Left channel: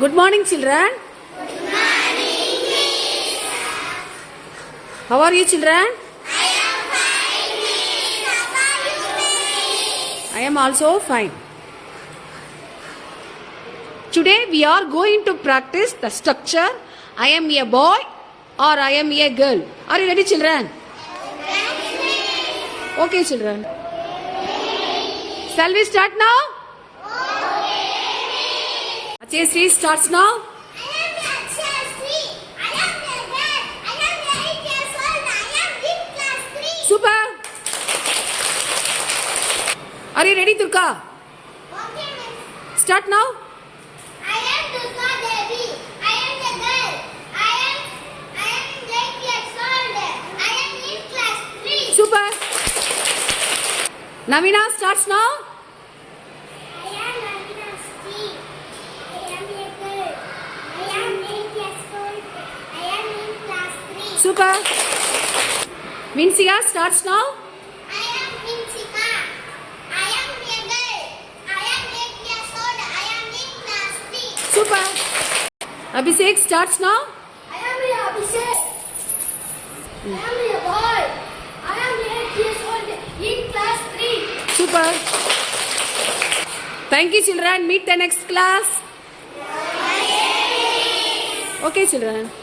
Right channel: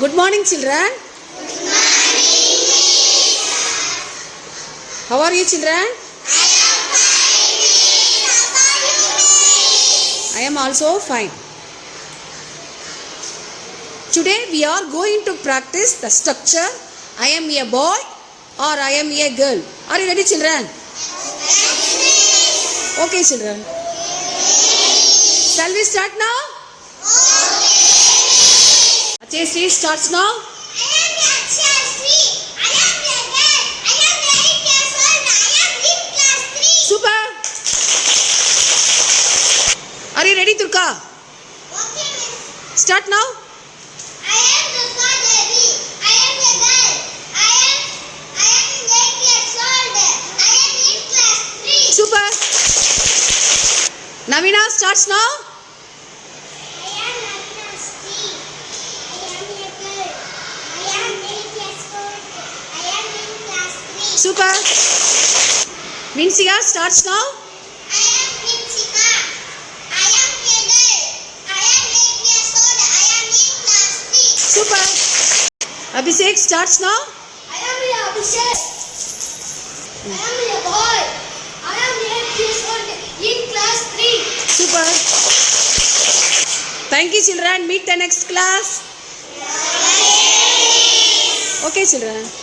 Good morning, children. How are you, children? I am also fine. Today we are going to practice the structure I am a boy or I am a girl. Are you ready, children? Okay, children. Shall we start now? Achesri starts now. I am Achesri. I am a girl. I am 8 years old. I am in class 3. Super. Are you ready, Durga? Okay, miss. Start now. I am Durga Devi. I am a girl. I am 8 years old. I am in class 3. Super. Navina starts now. I am Navina Sri. I am a girl. I am 8 years old. I am in class 3. Super. Vinsiga starts now. I am Vinsika. I am a girl. I am 8 years old. I am in class 3. Super. Abhishek starts now. I am a Abhishek. I am a boy. I am 8 years old in class 3. Super. Thank you, children. Meet the next class. Okay, children.